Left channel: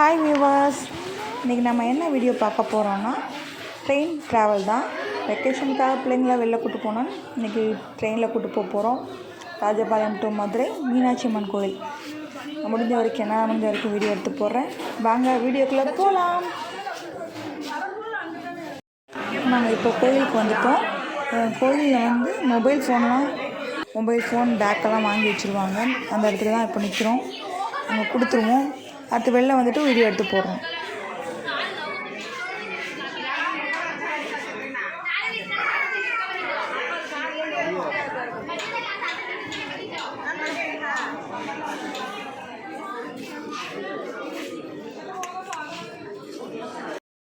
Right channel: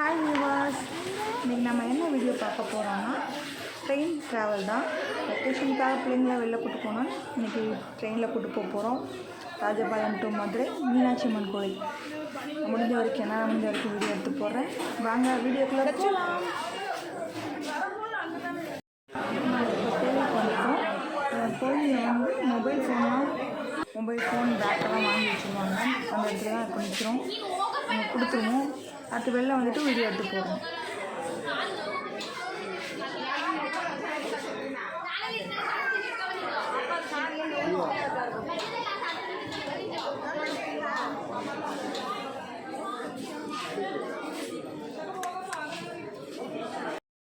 Hi viewers, இன்றைக்கி நம்ம என்ன வீடியோ பார்க்க போகிறோன்னா ட்ரெயின் ட்ராவல் தான். வெக்கேஷனுக்காக பிள்ளைங்கள வெளில கூப்பிட்டு போனோன்னு இன்றைக்கி ட்ரெயினில் கூப்பிட்டு போகிறோம். ராஜபாளையம் டு மதுரை மீனாட்சி அம்மன் கோயில். முடிஞ்ச வரைக்கும் வீடியோ எடுத்து போடுறேன். வாங்க வீடியோக்குள்ளே போகலாம். நாங்கள் இப்போ கோயிலுக்கு வந்துட்டோம். கோயிலில் மொபைல் ஃபோன் பேக்கெல்லாம் வாங்கி வச்சுருவாங்க. அந்த இடத்துல தான் இப்போ நிற்கிறோம். அங்கே கொடுத்துருவோம். அடுத்து வெளில வந்துட்டு வீடியோ எடுத்து போடுறோம்.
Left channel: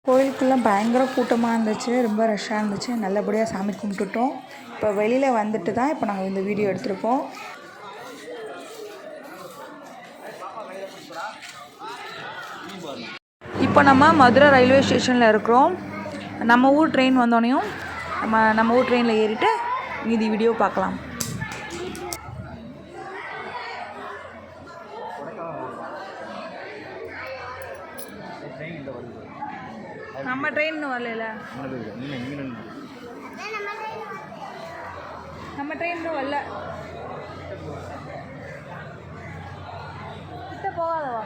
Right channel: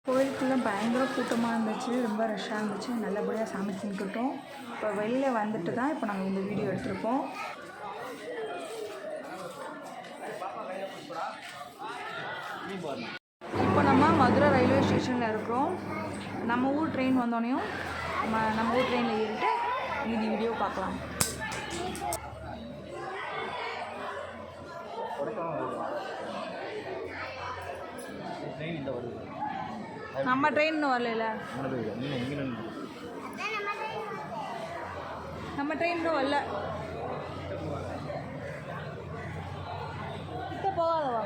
கோயிலுக்குள்ளே பயங்கர கூட்டமாக இருந்துச்சு, ரொம்ப ரஷ்ஷாக இருந்துச்சு. நல்லபடியாக சாமி கும்பிட்டுட்டோம். இப்போ வெளியில் வந்துட்டு தான் இப்போ நாங்கள் இந்த வீடியோ எடுத்திருக்கோம். இப்போ நம்ம மதுரை ரயில்வே ஸ்டேஷனில் இருக்கிறோம். நம்ம ஊர் ட்ரெயின் வந்தோடனையும் நம்ம ஊர் ட்ரெயினில் ஏறிட்டு மீதி வீடியோ பார்க்கலாம். நம்ம ட்ரெயின் இன்னும் வரல. நம்ம ட்ரெயின் இன்னும் வரல. கிட்ட போகாதவா?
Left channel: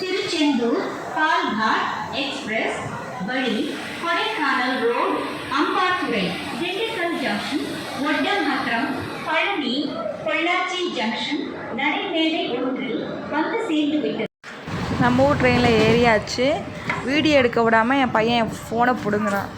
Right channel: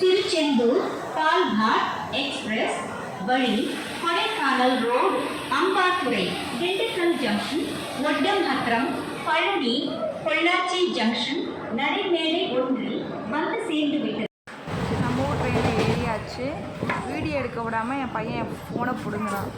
திருச்செந்தூர் பால்காட் எக்ஸ்பிரஸ் வழி கொடைக்கானல் ரோடு, அம்பாத்துறை, திண்டுக்கல் ஜங்ஷன், ஒட்டமாத்திரம், பழனி, பொள்ளாச்சி ஜங்ஷன், நரிமேடை ஒன்றில் வந்து சேர்ந்து விட்டது. நம்ம ஊர் ட்ரெயினில் ஏறியாச்சு. வீடியோ எடுக்க விடாமல் என் பையன் என் ஃபோனை பிடுங்குறான்.